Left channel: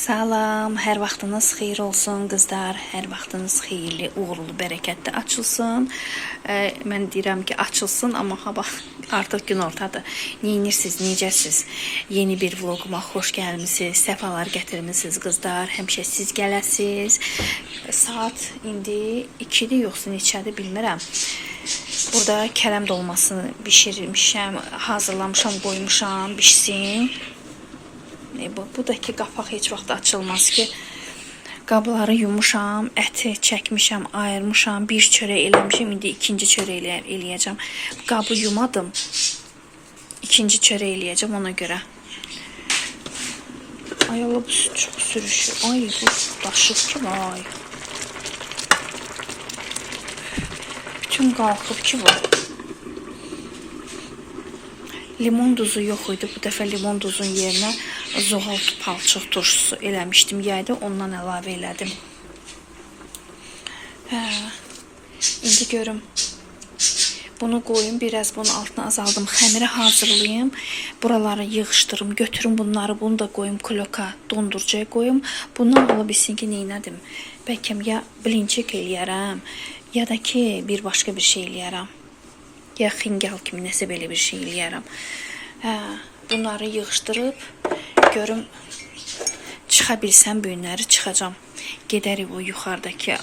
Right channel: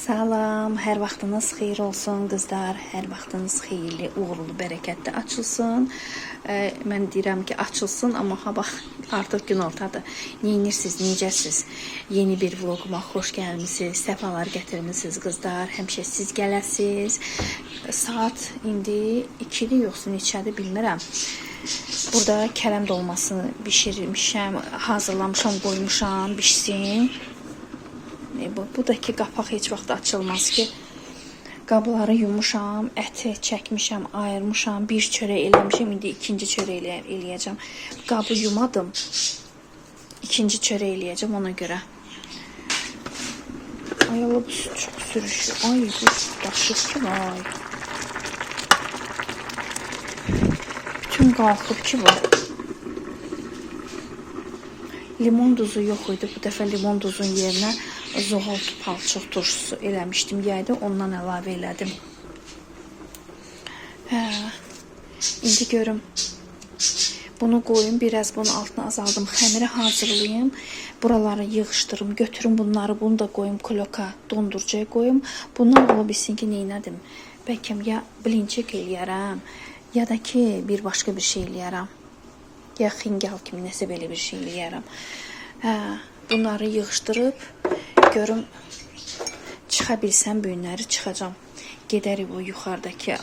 Salam, hər vaxtınız xeyir olsun qızlar, hər vaxtınız xeyirli, uğurlu, bərəkətli açılsın. Mən deyirəm ki, açılsın, amma bax artıq günortadır. Neyinirsiniz, necəsiz? Yeni bir vloguma xoş gəlmisiniz, səfalar gətirmisiniz qızlar, həmişə siz gələsiz. Saat indi 2-dir, yoxsa neçədir bilmirəm. Burada kələm dolmasını bişirmişəm, hazırlamışam, qoymuşam, bişsin. Bu da ki, qapaq heç vaxt açılmaz ki. Qabları yumuşam, əti çəkmişəm, ayırmışam, bir çörək eləmişəm, indi ikinci çörək eləyəcəm. Qabı yumadım, ikinci çörək eləyəcəm ona görə. Ay Allah, bu çox sürüşür. Ay, bu daşıb ki, vay. Bütün qalxıb ki, var. Limon duzu yox idi. Bu dəfə limon duzun yerinə zoğal palçıq turşusu eləmişdim. Yayda ondan əlavə elədim. İndi görüm. Bunu qoyum, biraz bunun altına azaldım. Xəmiri hazırlayayım. Buraları yığışdırım, götürüm bunları. Bunu da qoyum kloka, dondurucuya qoyum. Bundan ola bilsin ki, neynədim? Bəlkə ya blinçik eləyərəm, ya da ki, bir başqa bir şey eləyərəm. Ya xingal kimi nəsə belə bir şey eləyərəm. Bunları yığışdırıb, görüm, çıxa bilsəm bu günləri çıxacam. Gedərik o yuxarıdakı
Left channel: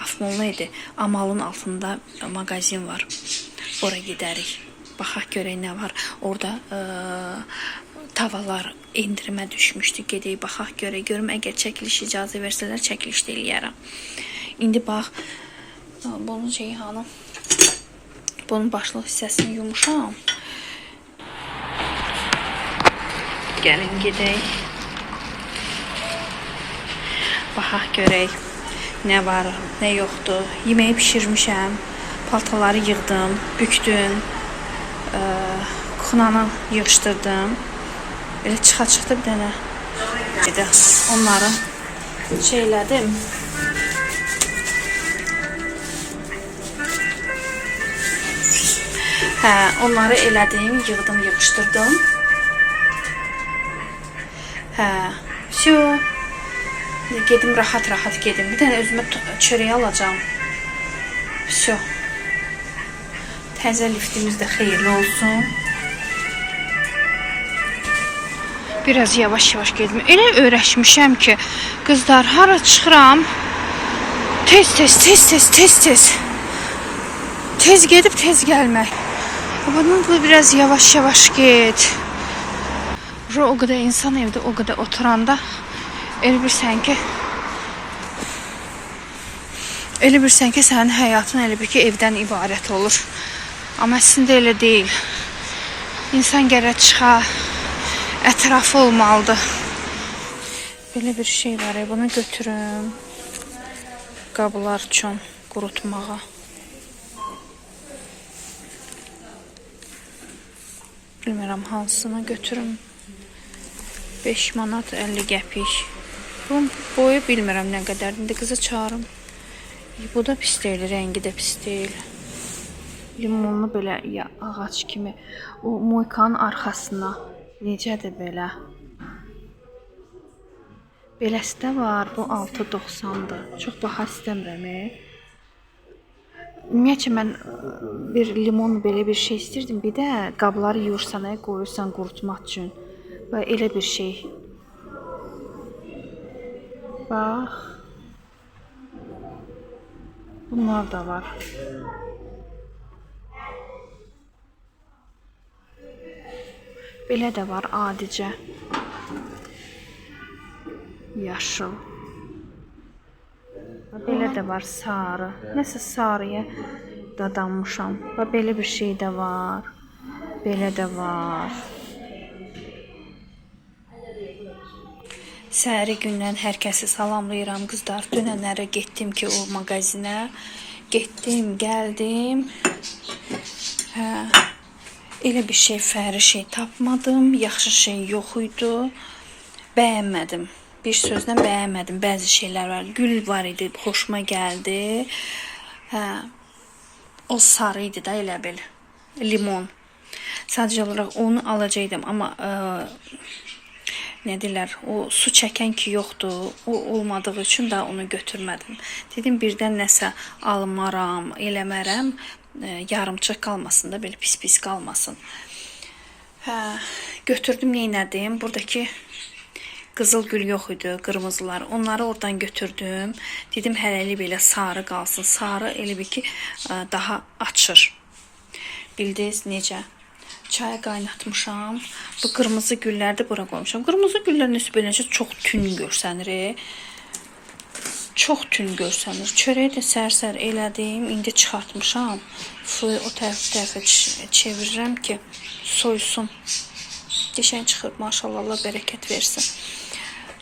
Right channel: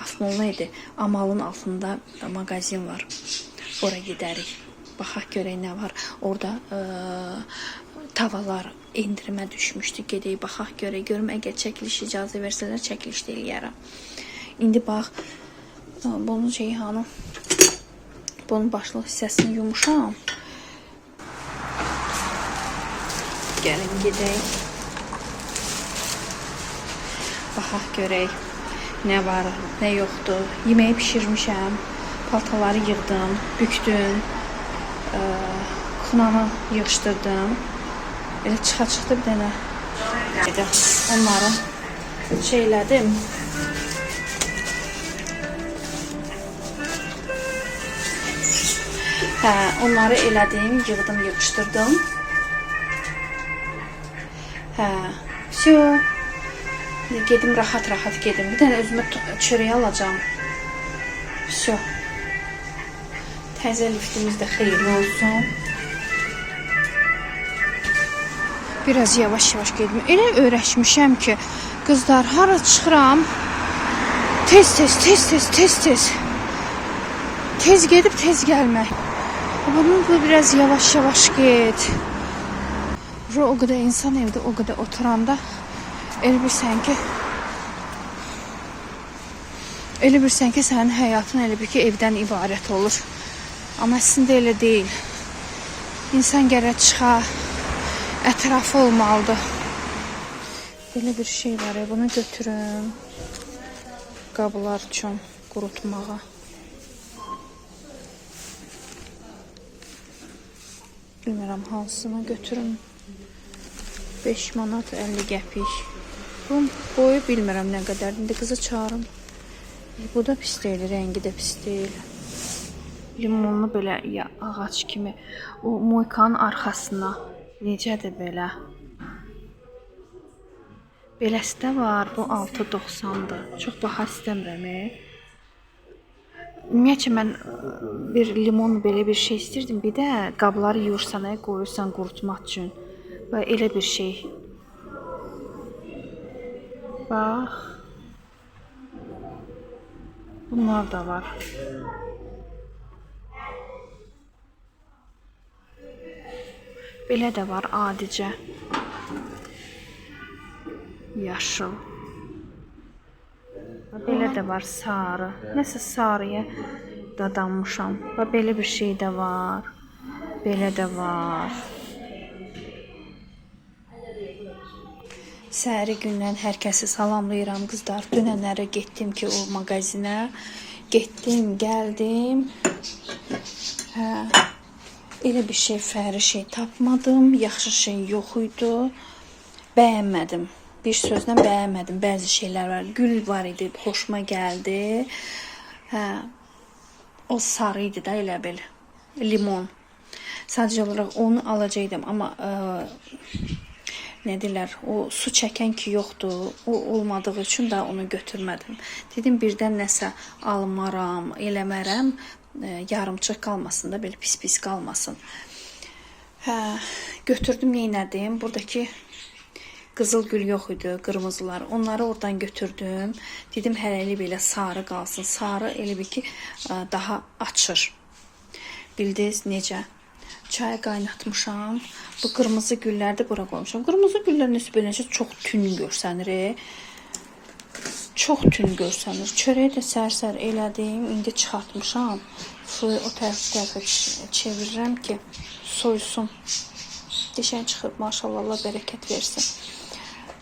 Afmol neydi? Amalın altında mağazin var. Ora gedərik. Baxaq görək nə var. Orada tavalar endirimə düşmüşdü. Gedək, baxaq görək. Görüm, əgər çəkiliş icazə versələr, çəkiliş də eləyərəm. İndi bax, bunun Ceyhanı, bunun başlıq hissəsini yumuşam. Gəlin gedək. Baxaq görək. Nə var, nə yoxdur. Yeməyi pişirmişəm. Paltaları yığdım, bükdüm. Kuxnanı yığışdırdım. Elə çıxa-çıxdı bir dənə. Onları şeylədim. Onları elədim, yığdım, yığışdırdım. Всё. Gedim, rahat-rahat gedim. Bir dənə özümə çörək alacağım. Всё. Təzə liftimiz də xeyirli olsun. Biraz yavaş-yavaş gedim. Elə öyrəşmişəm ki, qızlar, hara çıxıram, tez. Tez gedib, tez gəlmək. Bunun biraz yavaş-yavaş get. O qədər insan evdə, o qədər oturanda elə bilsən ki, sənin həyatın elə bir ki, evdən ibarət olur. Amma əslində elə deyil. İnsan gərək çıxa, ətrafı olmalıdır. Belə bir şey var, bunu götürüm. Qablar üçün qurutmağa. Bilmirəm, hansını götürüm. 5 manat 50 qəpik. Bunun boyu bilmirəm nə qədərdir. İndi qızı çağırım. Bu da pis deyil, rəngi də pis deyil. Limonlu belə ya ağac kimi. O moykanın arxasına. Necədir belə? Beləsi də var. Bu 6.90-dır. Çox baha istəmirəm. Ümumiyyətcə, mən bir limon belə bir şey istirdim. Bir də qabları yuyursan, qoyursan qurutmaq üçün. Və elə bir şey. Bax. Bunlar da var. Belə də var adicə. Yaşıl. Belə də var sarı. Nəsə sarıya dadanmışam. Və belə bir şey də var. Belə də var. Səhəri gündən hər kəsi salamlayıram qızlar. Dünənlərə getdim ki, o mağazinə. Getdim, gəldim. Elə bir şey, fəri şey tapmadım. Yaxşı şey yox idi. Bəyənmədim. Bir sözlə bəyənmədim. Bəzi şeylər var. Gül var idi, xoşuma gəldi. O sarı idi da, elə bil. Limon. Sadəcə olaraq onu alacaqdım, amma nə deyirlər, o su çəkən ki yoxdur. O olmadığı üçün də onu götürmədim. Dedim birdən nəsə almaram, eləmərəm, yarımçıq qalmasın da, belə pis-pis qalmasın. Hə, götürdüm, neynədim? Buradakı qızıl gül yox idi, qırmızılar. Onları oradan götürdüm. Dedim hələlik belə sarı qalsın. Sarı elə bir ki daha açır. Bildiniz necə? Çay qaynatmışam. Bu qırmızı gülləri də bura qoymuşam. Qırmızı güllər nəsə beləcə çox tün görsənir. Çox tün görsənir. Çörəyi də sər-sər elədim. İndi çıxartmışam. Suyu o tərəfə çevirirəm ki soysun. Qəşəng çıxıb, maşallah, Allah bərəkət versin.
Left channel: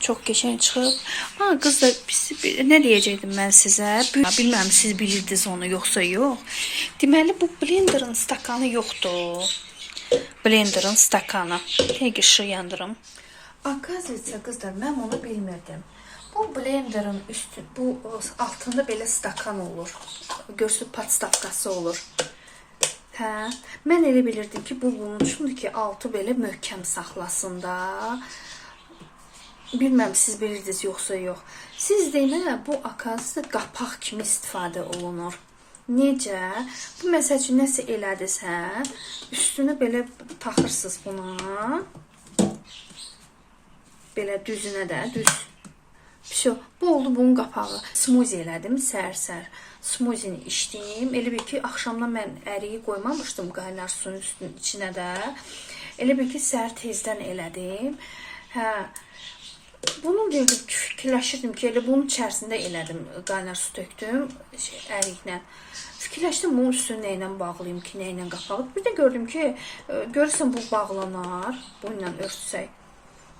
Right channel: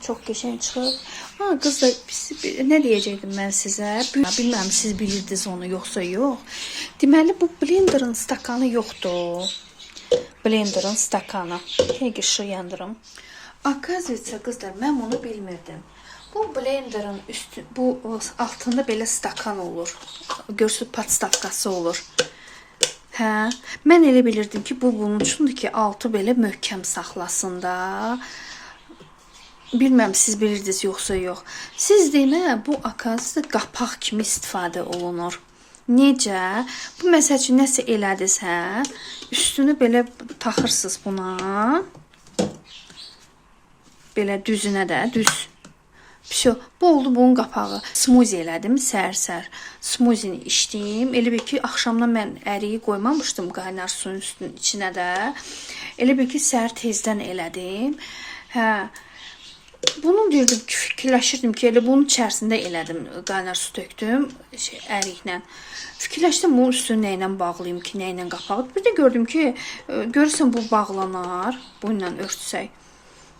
Çox qəşəng çıxıb. Ha, qız da nə deyəcəkdim mən sizə? Bilməm siz bilirdiniz onu yoxsa yox. Deməli bu blenderin stakanı yoxdur. Blenderin stakanı. Həqiqi işığı yandırım. Akaziyyə qızlar, mən bunu bilmirdim. Bu blenderin üstü, bu altında belə stakan olur. Görsün podstavkası olur. Hə, mən elə bilirdim ki, bu bunun üçündür ki, altı belə möhkəm saxlasın da. Bilməm siz bilirdiniz yoxsa yox. Siz demə, bu akaziyyə qapaq kimi istifadə olunur. Necə? Bu məsəl üçün nəsə elədiniz, hə? Üstünü belə taxırsınız buna. Belə düzünə də, düz. Pişo, bu oldu bunun qapağı. Smuzi elədim, sər-sər. Smuzini içdim. Elə bir ki, axşamdan mən əriyi qoymamışdım qaynar suyun içinə də. Elə bir ki, səhər tezdən elədim. Hə, bunu verdim, fikirləşirdim ki, elə bunun içərisində elədim. Qaynar su tökdüm, əriklə. Fikirləşdim, bunun üstünü nə ilə bağlayayım ki, nə ilə qapağı. Bir də gördüm ki, görürsən bu bağlanar, bununla örtsək.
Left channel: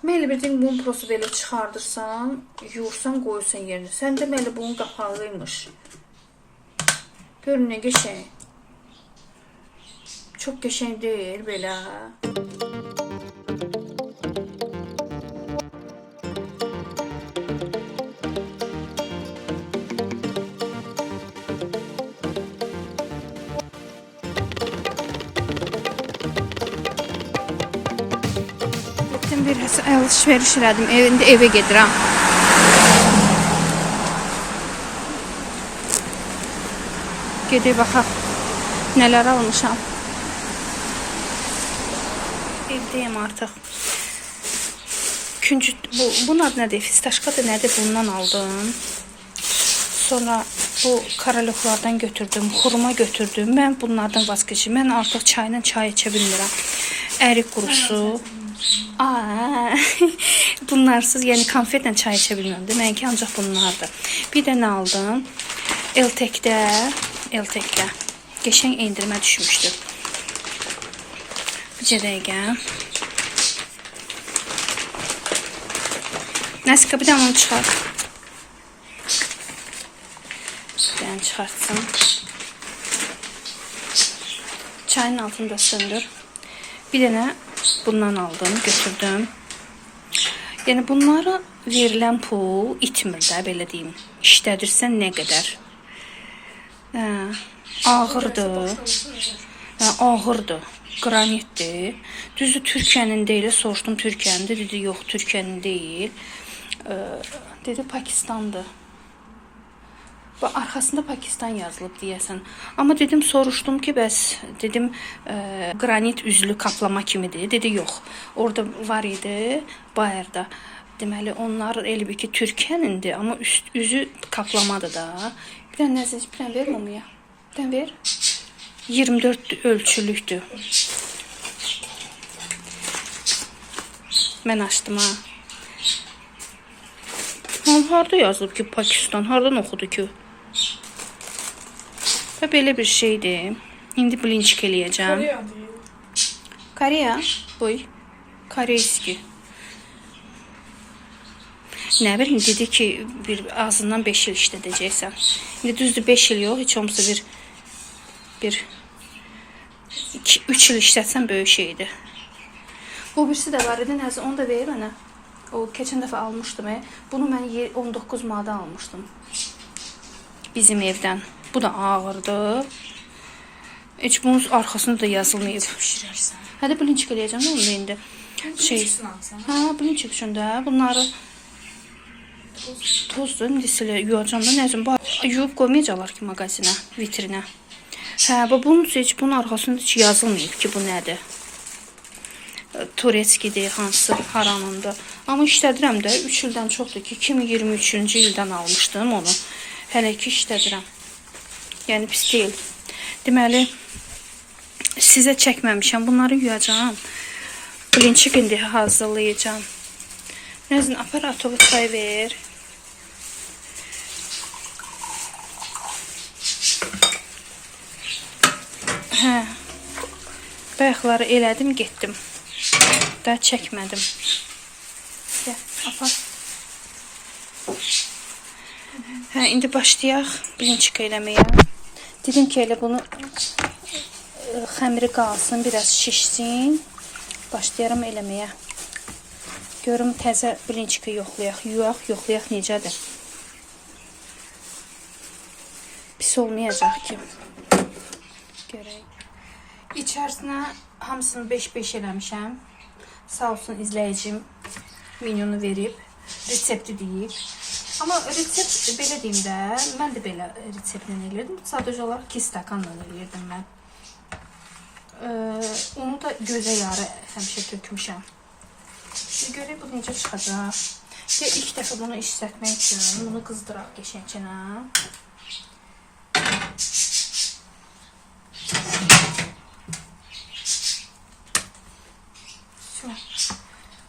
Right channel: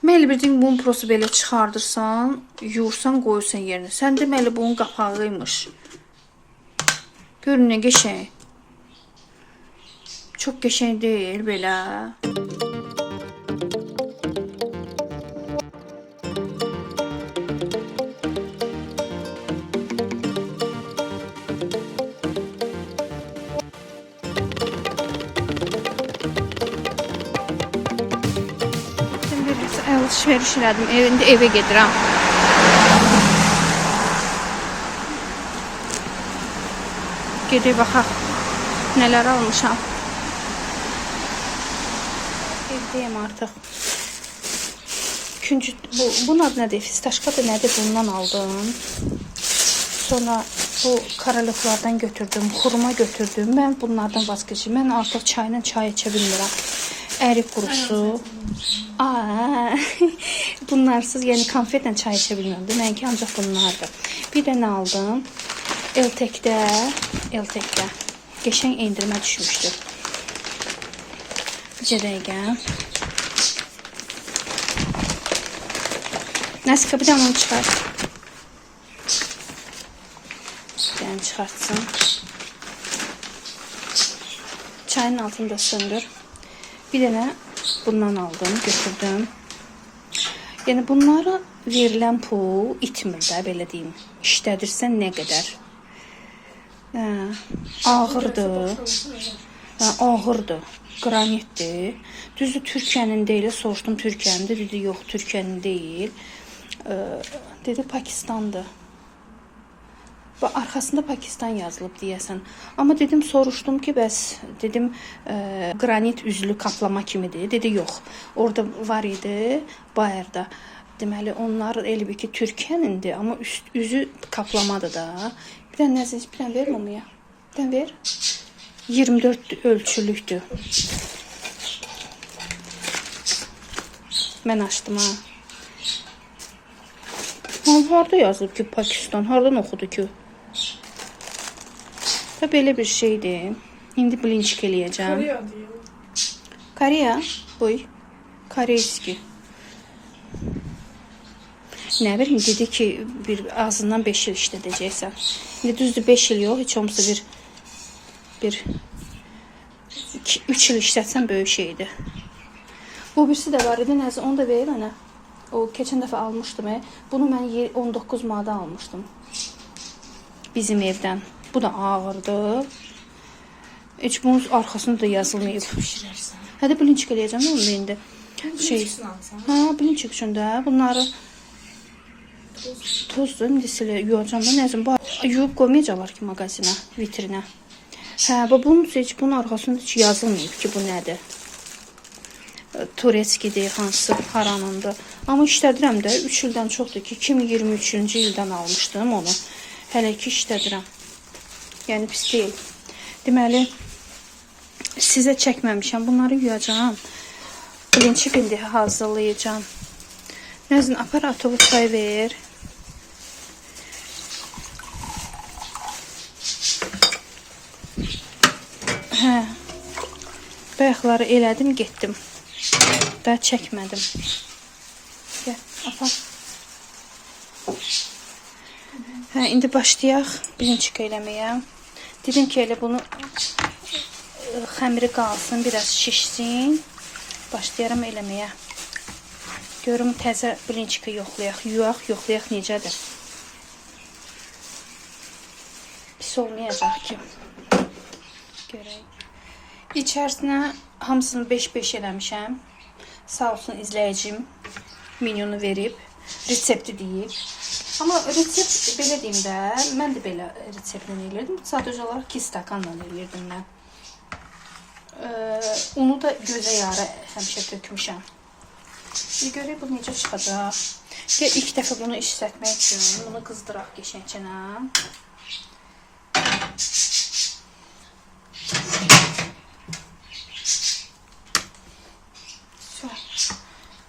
Mən elə bildim, bunu prosu belə çıxardırsan, yuyursan, qoyursan yerinə. Sən deməli, bunun qapağıymış. Görün, nə qəşəng. Çox qəşəng deyil, belə. Alışveriş elədim. İndi evə gedirəm. Gedib baxaq. Nələr almışam. Evdəyim artıq. Bunun adı nədir? Fistaşkadır, nədir? Bundan aldım. Sonra bu karalıqlardan götürdüm. Xurma götürdüm. Mən bunlardan vazgeçim. Mən artıq çayla çay içə bilmirəm. Ərik qurusu. Bunlarsız, yəni konfetlə çay içə bilmirəm. Mənki ancaq bunlardır. Bir də nə aldım? Eltekdə qəşəng endirmə düşmüşdü. Bir dəqiqə. Nəsika, bir də onu çıxar. Yəni çıxartsın. Çayın altını da söndür. Bir dənə bundan aldım, götürdüm. Yəni bunlara verilən pul itmir də, belə deyim. İşlədirsən nə qədər. Ağırdır. Ağırdır. Qranitdir. Düzü Türkiyənin deyil. Soruşdum Türkiyənindir. Dedi yox, Türkiyənin deyil. Dedi Pakistandır. Və arxasında Pakistan yazılıb deyəsən. Amma dedim, soruşdum ki, bəs dedim qranit üzlü kaplama kimidir. Dedi yox. Orada var idi bayırda. Deməli onlar elə bir ki Türkiyənindir, amma üzü kaplamadır da. Bir dənə nəzəs, bir dənə ver mamaya. Bir dənə ver. 24 ölçülükdür. Mən açdım ha. Harada yazılıb ki Pakistan? Haradan oxudu ki? Və belə bir şeydir. İndi blinçik eləyəcəm. Koreya. Boy. Koreyski. Nə bilim, dedi ki, azından 5 il işlədəcəksən. İndi düzdür 5 il yox, heç olmasa bir 3 il işlətsən böyük şeydir. Bu birisi də var idi, nəzə, onu da verir mənə. O keçən dəfə almışdım. Bunu mən 19 manata almışdım. Bizim evdən. Bu da ağırdır. Heç bunun arxasında da yazılmayıb. Hədə blinçik eləyəcəm onu indi. şey, ha, bilinçik üçün də bunları tozdur, indi silə yuyacam da, nəzim, yuyub qoymayacaqlar ki, mağazinə, vitrinə. Hə, bunun heç, bunun arxasında heç yazılmayıb ki, bu nədir. Turetskidir, hansı haranındır. Amma işlədirəm də, 3 ildən çoxdur ki, 2023-cü ildən almışdım onu. Hələ ki işlədirəm. Yəni pis deyil. Deməli, sizə çəkməmişəm. Bunları yuyacağam. Bilinçik indi hazırlayacağım. Nəzin, aparatovu çay ver. Hə. Bayaqları elədim, getdim. Da çəkmədim. Gəl, apar. Hə, indi başlayaq bilinçik eləməyə. Dedim ki, elə bunu xəmiri qalsın, biraz şişsin. Başlayaram eləməyə. Görüm təzə bilinçiki yoxlayaq, yuyaq, yoxlayaq necədir. Pis olmayacaq ki. Görək. İçərisinə hamısını 5-5 eləmişəm. Sağ olsun izləyicim menyunu verib, resepti deyib. Amma resept belə deyim də, mən də belə reseptlə eləyirdim. Sadəcə olaraq 2 stakanla eləyirdim mən. Onu da gözə yarı həmişə tökmüşəm. Görək bu necə çıxacaq. İlk dəfə bunu işlətmək üçün bunu qızdıraq geçənçənə.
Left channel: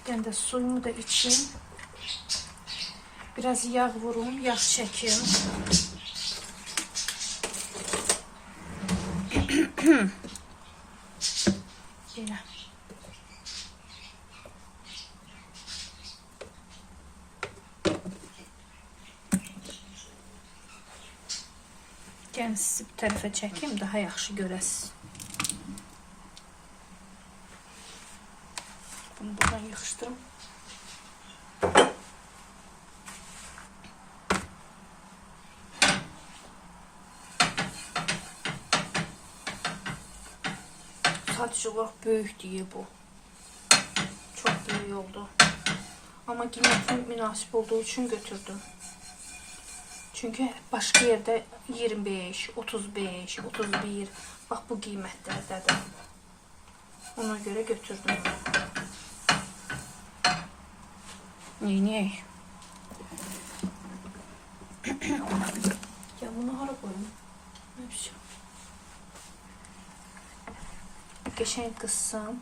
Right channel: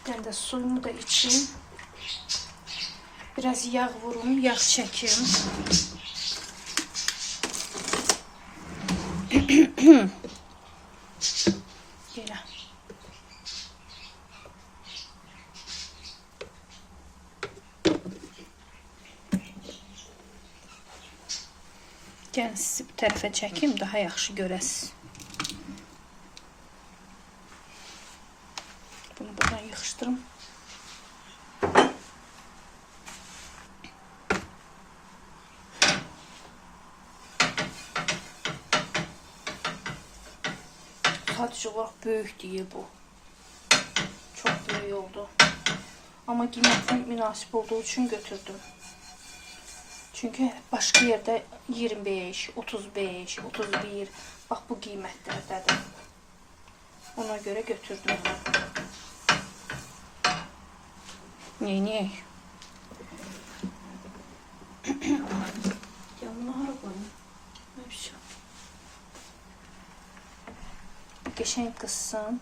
Ben de suyumu da içeyim. Biraz yağ vurum, yağ çekim. Belə. Gəlin sizi bu tərəfə çəkeyim, daha yaxşı görəsiniz. Bunu buradan yığışdırım. Sadəcə olaraq böyük deyə bu. Çox böyük oldu. Amma qiyməti münasib olduğu üçün götürdüm. Çünki başqa yerdə 25, 35, 31, bax bu qiymətlərdədir. Ona görə götürdüm. Neyniyək? Ya bunu hara qoyum? Qəşəng qızsın.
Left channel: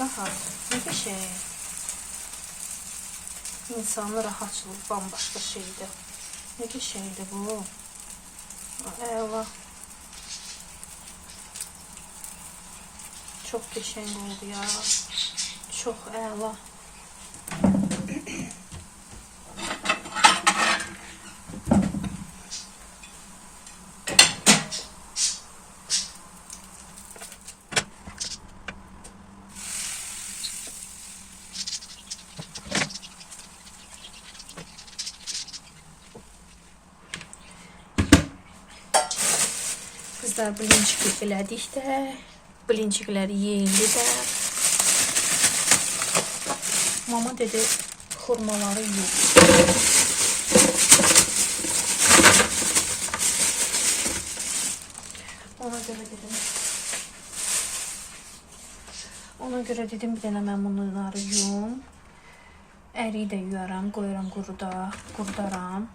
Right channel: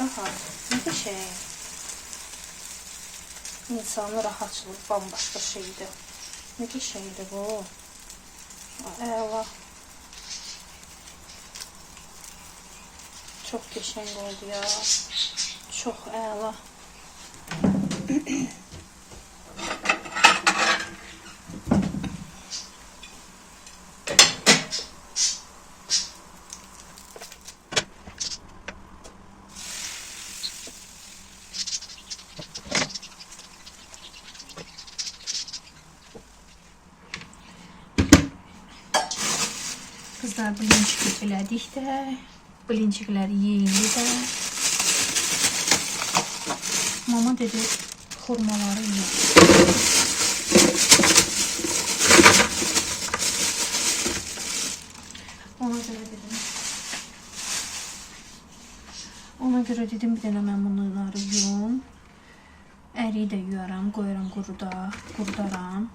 Rahat. Ne bir şey. İnsanı rahatçılık bambaşka şeydi. Ne bir şeydi bu. Eyvah. Çok geçen oldu ya. Çok eyvah. Kızlar bilincik elədik də, bilincikləri yeyildi də. Mama dedi, xurmaları yiyək. Ona görə dedim, bir dənə mən bunları yuyum. Əriyi də yuyaram, qoyuram qurudaram.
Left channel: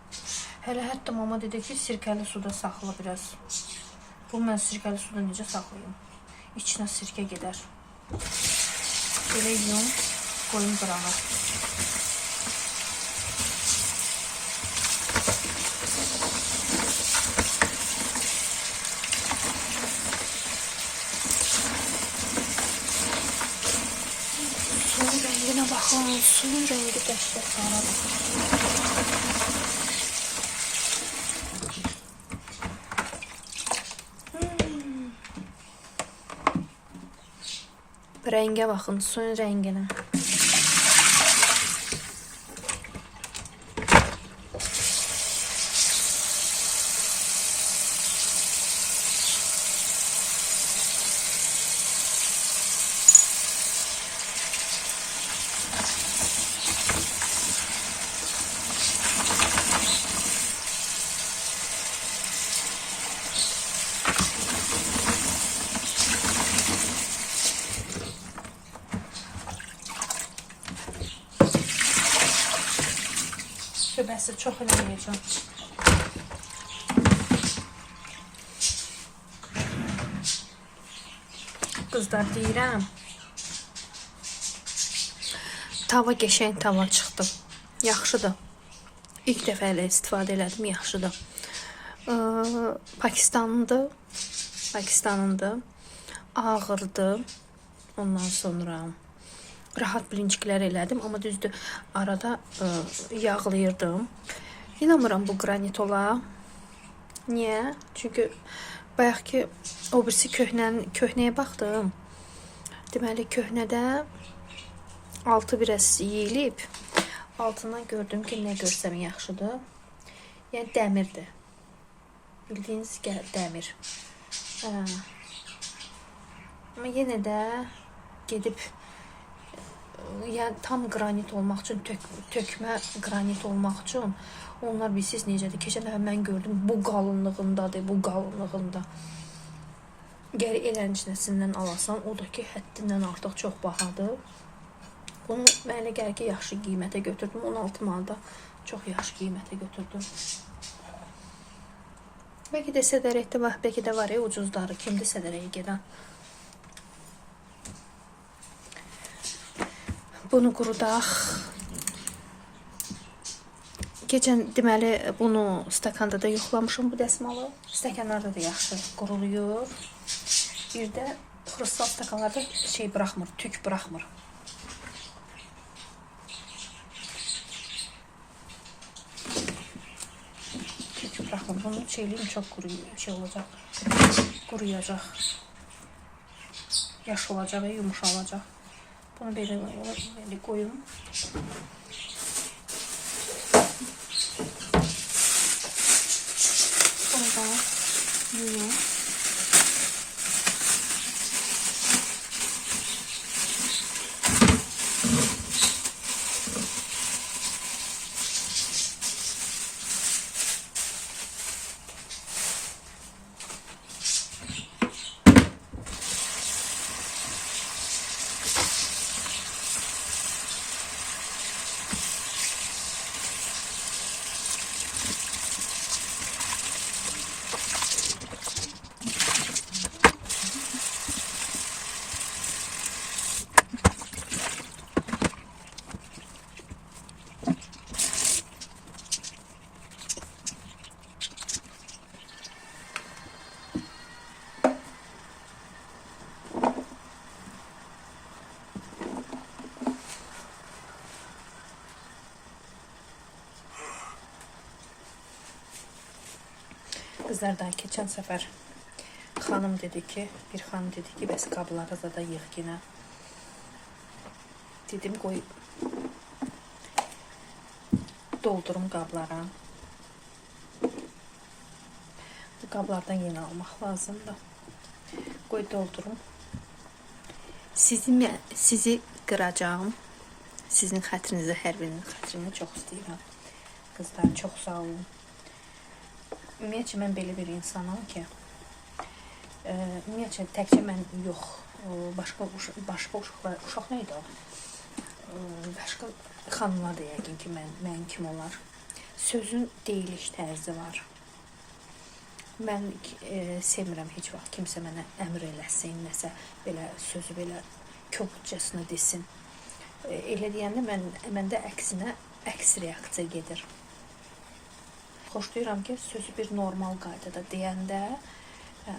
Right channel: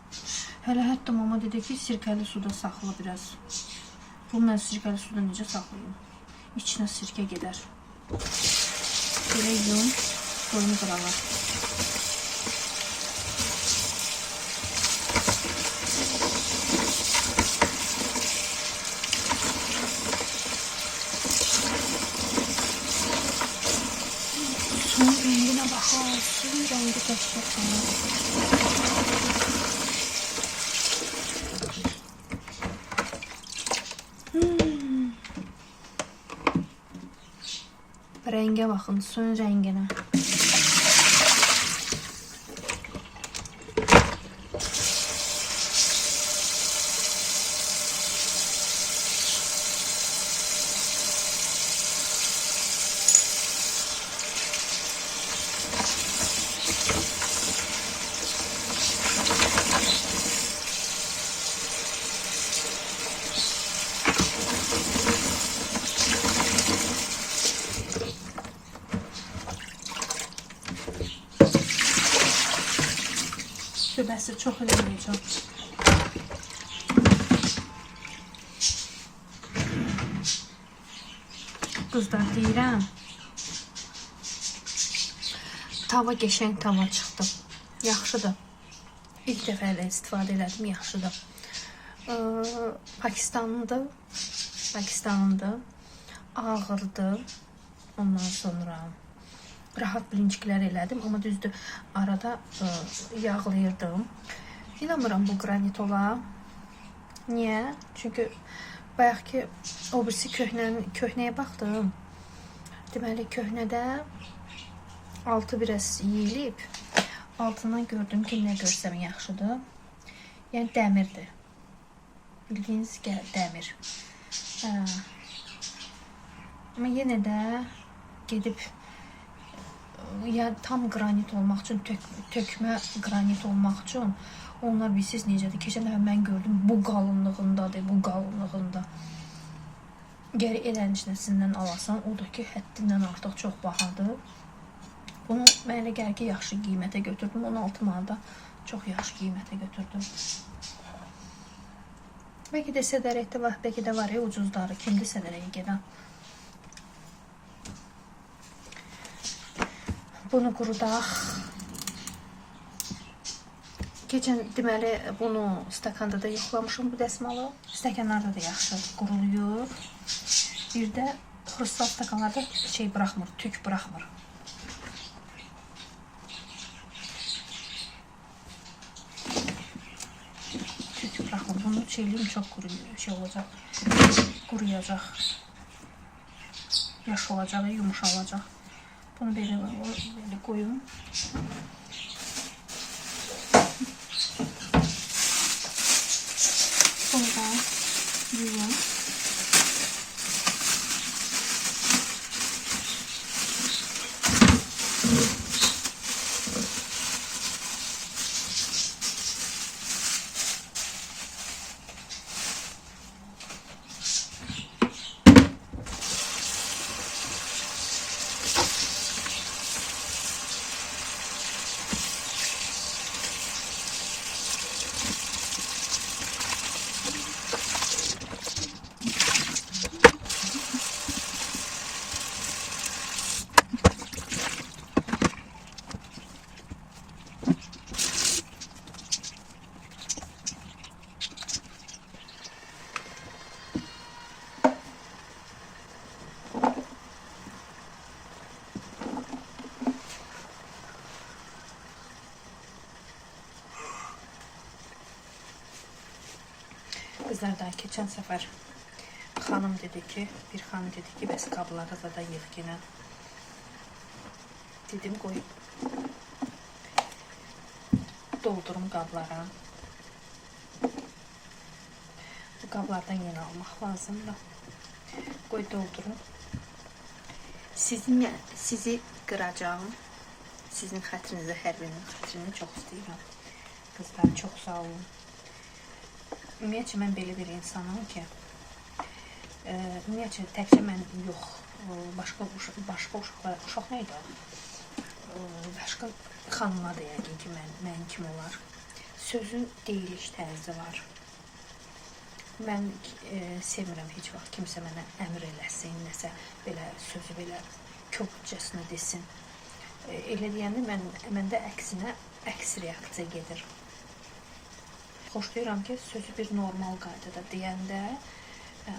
Hələ hətta mama dedi ki, sirkəli suda saxla biraz. Bu mən sirkəli suda necə saxlayayım? İçinə sirkə gedər. Belə yiyim, qoyum qırana. Suyun rəngi qəşəng. Rəngə baxın, suyun rənginə. Şübhəsi çox eləməyəcəm. Qızlar deyirəm. Tava qəşəng tava çıxdı. Yaxşıdır. İlk dəfə ilə istifadə elədim, yaxşıdır. Pakistanlıdır. Ağırdır. Ondan sonra rahat bilinçiklər elədim, amma düzdür, arada yağlayırdım. İnanmıram bu qranit ola. Niyə? Çünki bayaq ki, o birisi köhnəyə baxdım. Deməli, köhnədə altı biraz yeyilib, altından gördüm ki, nə görsəm yaxşıdır. Yəni, dəmirdir. Bildiyiniz dəmir. Amma yenə də gedib tam qranit olmaq üçün, tökmə qranit olmaq üçün onlar bilsiz necədir. Keçən dəfə mən gördüm, bu qalınlığındadır, bu qalınlığında. Gəri eləncinəsindən alasan, o da ki, həddindən artıq çox bahadır. Bunu mən elə gəlir ki, yaxşı qiymətə götürdüm. 16 manada çox yaxşı qiymətə götürdüm. Bəlkə də sədərəkdə var, bəlkə də var ucuzları. Kimdir sədərəyə gedən? Bunu qurudaq. Keçən deməli bunu stakanda da yoxlamışım bu dəsmalı. Stəkanlarda da yaxşı quruluyur. Bir də xrustal stakanlarda şey buraxmır, tük buraxmır. Tük buraxmır. Bunu şeyliyim çox olacaq. Quruyacaq. Yaş olacaq və yumuşalacaq. Bunu belə qoyum. Bunu da yuyum. Qızlardan keçən səfər xanım dedi ki, bir xanım dedi ki, bəs qabları da yığ yenə. Dedim, qoy doldurum qablara. Bu qablardan yenə almaq lazımdır. Qoy doldurum. Sizi qıracağım. Sizin xətrinizə, hər birinin xətrinə çox istəyirəm. Qızlar, çox sağ olun. Ümumiyyətcə, mən belə bir insanım ki, ümumiyyətcə, təkcə mən yox, başqa uşaq neydi? Başqa xanımlar da yəqin ki, mən kim olar? Sözün deyiliş tərzi var. Mən sevmirəm heç vaxt kimsə mənə əmr eləsin, nəsə belə sözü belə köpcəsini desin. Elə deyəndə məndə əksinə əks reaksiya gedir. Xoşlayıram ki, sözü bir normal qaydada deyəndə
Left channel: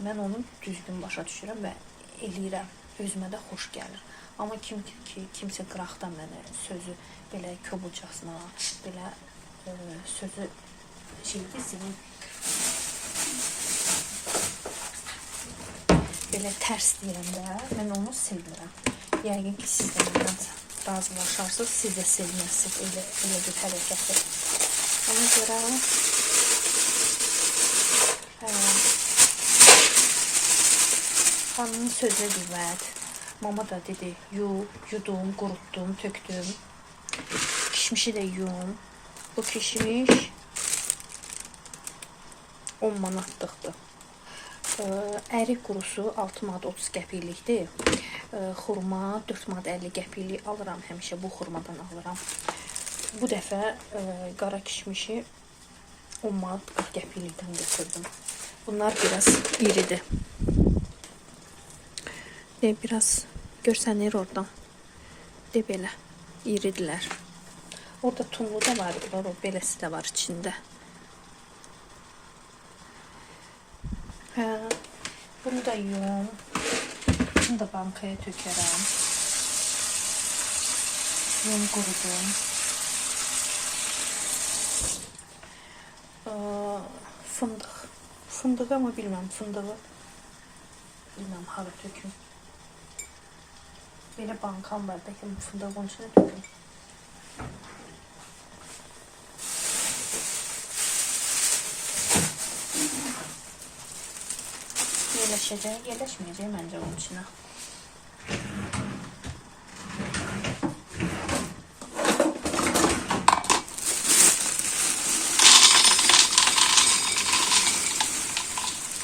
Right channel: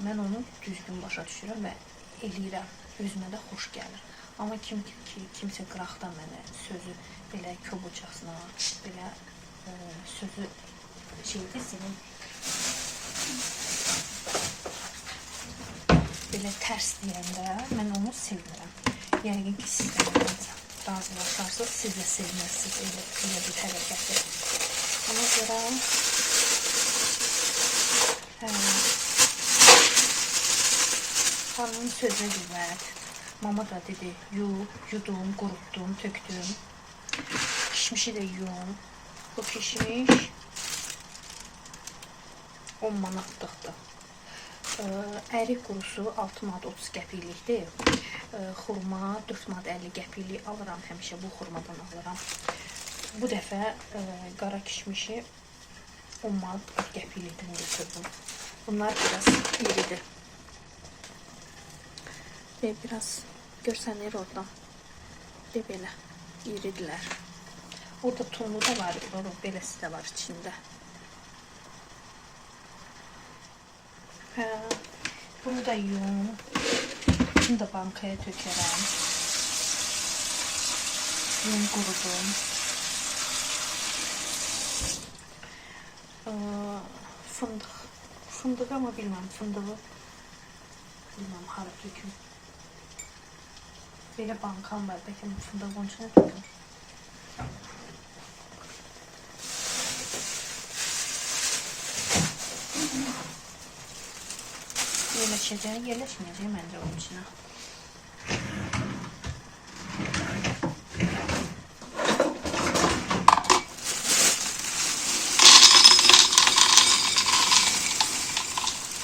mən onu düzgün başa düşürəm və eləyirəm. Özümə də xoş gəlir. Amma kimsə qıraqdan mənə sözü belə kobudcasına, belə sözü sizin belə tərs deyəndə mən onu sevmirəm. Yəqin ki, siz də razılaşarsınız, siz də sevməzsiniz elə bir hərəkəti. Ona görə xanımın sözünə qüvvət. Mama da dedi, yudum, qurutdum, tökdüm. Kişmişi də yum. Bu kişmiş 10 manatlıqdır. Ərik qurusu 6 manat 30 qəpiklikdir. Xurma 4 manat 50 qəpiklik alıram həmişə, bu xurmadan alıram. Bu dəfə qara kişmişi 10 manat 40 qəpiklikdən götürdüm. Bunlar biraz iridir. Biraz görsənir oradan. Belə iridilər. Orada tunlu da var, beləsi də var içində. Bunu da yum. Bunu da bankaya tökərəm. Yum qurudum. Fındıq. Fındığı ama bilmem fındığı. Bilmem hala töküm. Belə bankam var. Bəlkə fındığı onun içine töküm. Yerləşəcək, yerləşməyəcək məncə onun içine.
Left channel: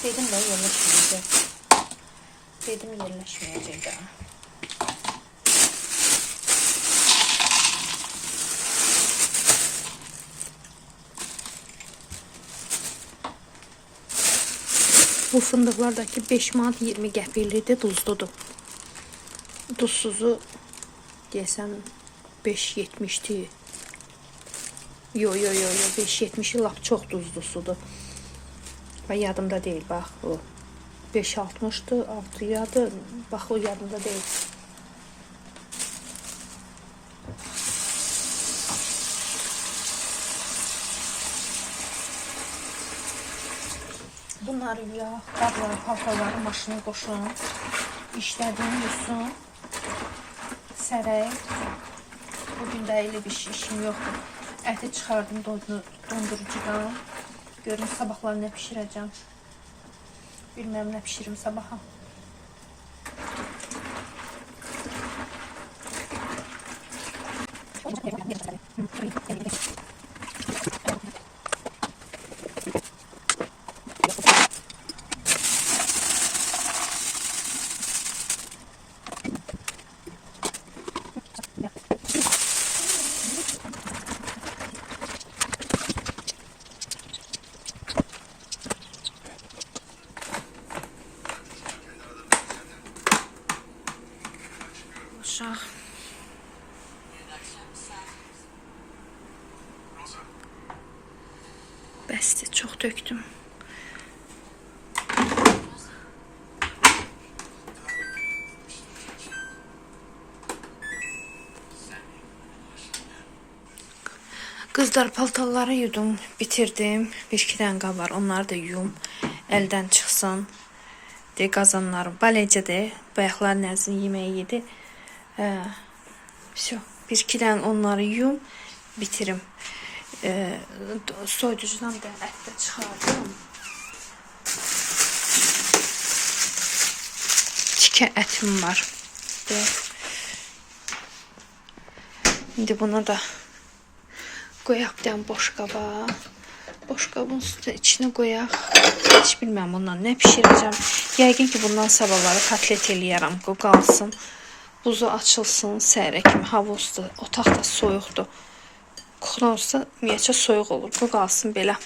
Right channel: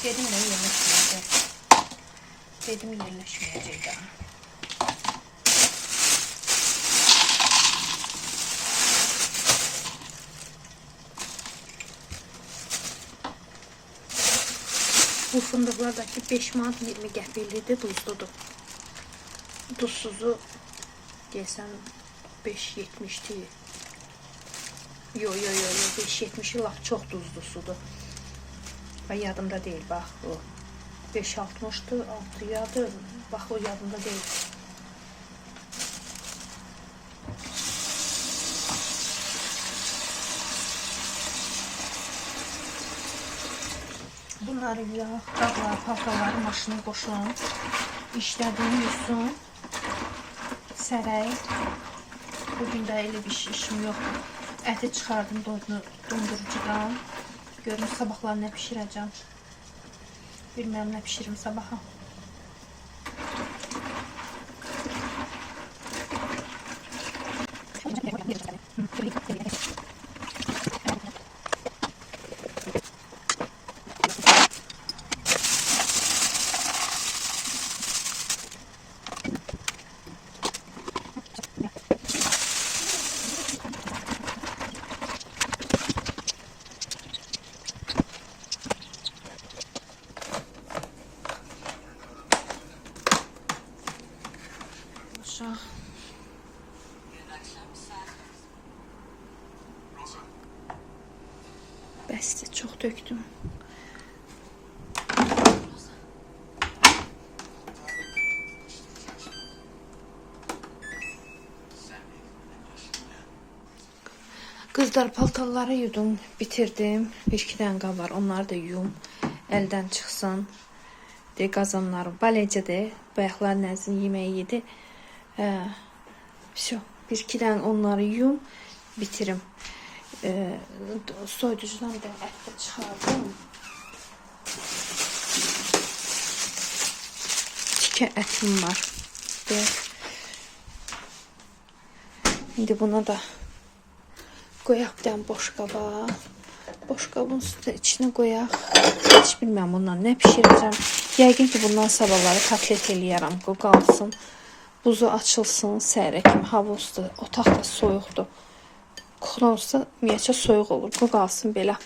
Dedim de yerləşməyəcək. Dedim yerləşməyəcək daha. Bu fındıqlardaki 5 manat 20 qəpiklidir, duzludur. Duzsuzu desəm 5.70'dir. Yo 5.70'i lap çox duzlu sudur. Və yadımda deyil, bax bu 5.60'dır, 6'yadır, bax o yadımda deyil. Bunları yağ, qablar, paltaları maşına qoşun, işlədim, yusun, sərək. Bugün də elə bir işim yoxdur. Əti çıxardım dondurucudan. Görün sabahlar nə pişirəcəm. Bilməm nə pişirim sabaha. Bəsdir, çox döktüm. Qızlar, paltarları yudum, bitirdim. Bir-iki dənə qab var, onları da yum, əldən çıxsın. Qazanlarım balecədir, bayaqlar nəzin yeməyi yedi. Bir-iki dənə onları yum, bitirim. Soyuducudan da ət də çıxardım. Tikə ətim var. İndi buna da qoyaq bir dənə boş qaba. Boş qabın içine qoyaq. Heç bilməm bundan nə pişirəcəm. Yəqin ki bundan sabahları kotlet eləyərəm. Bu qalsın. Buzu açılsın səhərə kimi. Hava ustu. Otaq da soyuqdur. Kuxna olsa ümumiyyətcə soyuq olur. Bu qalsın belə.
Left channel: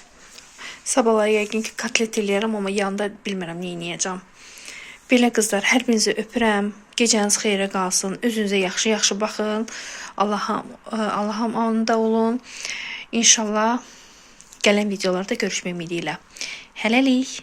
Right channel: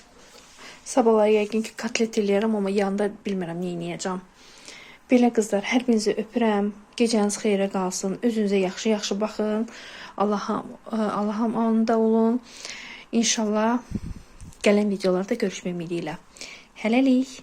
Sabahları yəqin ki kotlet eləyərəm, amma yanında bilmirəm nə edəcəm. Belə qızlar, hər birinizi öpürəm. Gecəniz xeyrə qalsın. Özünüzə yaxşı-yaxşı baxın. Allah'ım anında olun. İnşallah gələn videolarda görüşmək ümidiyle. Hələlik.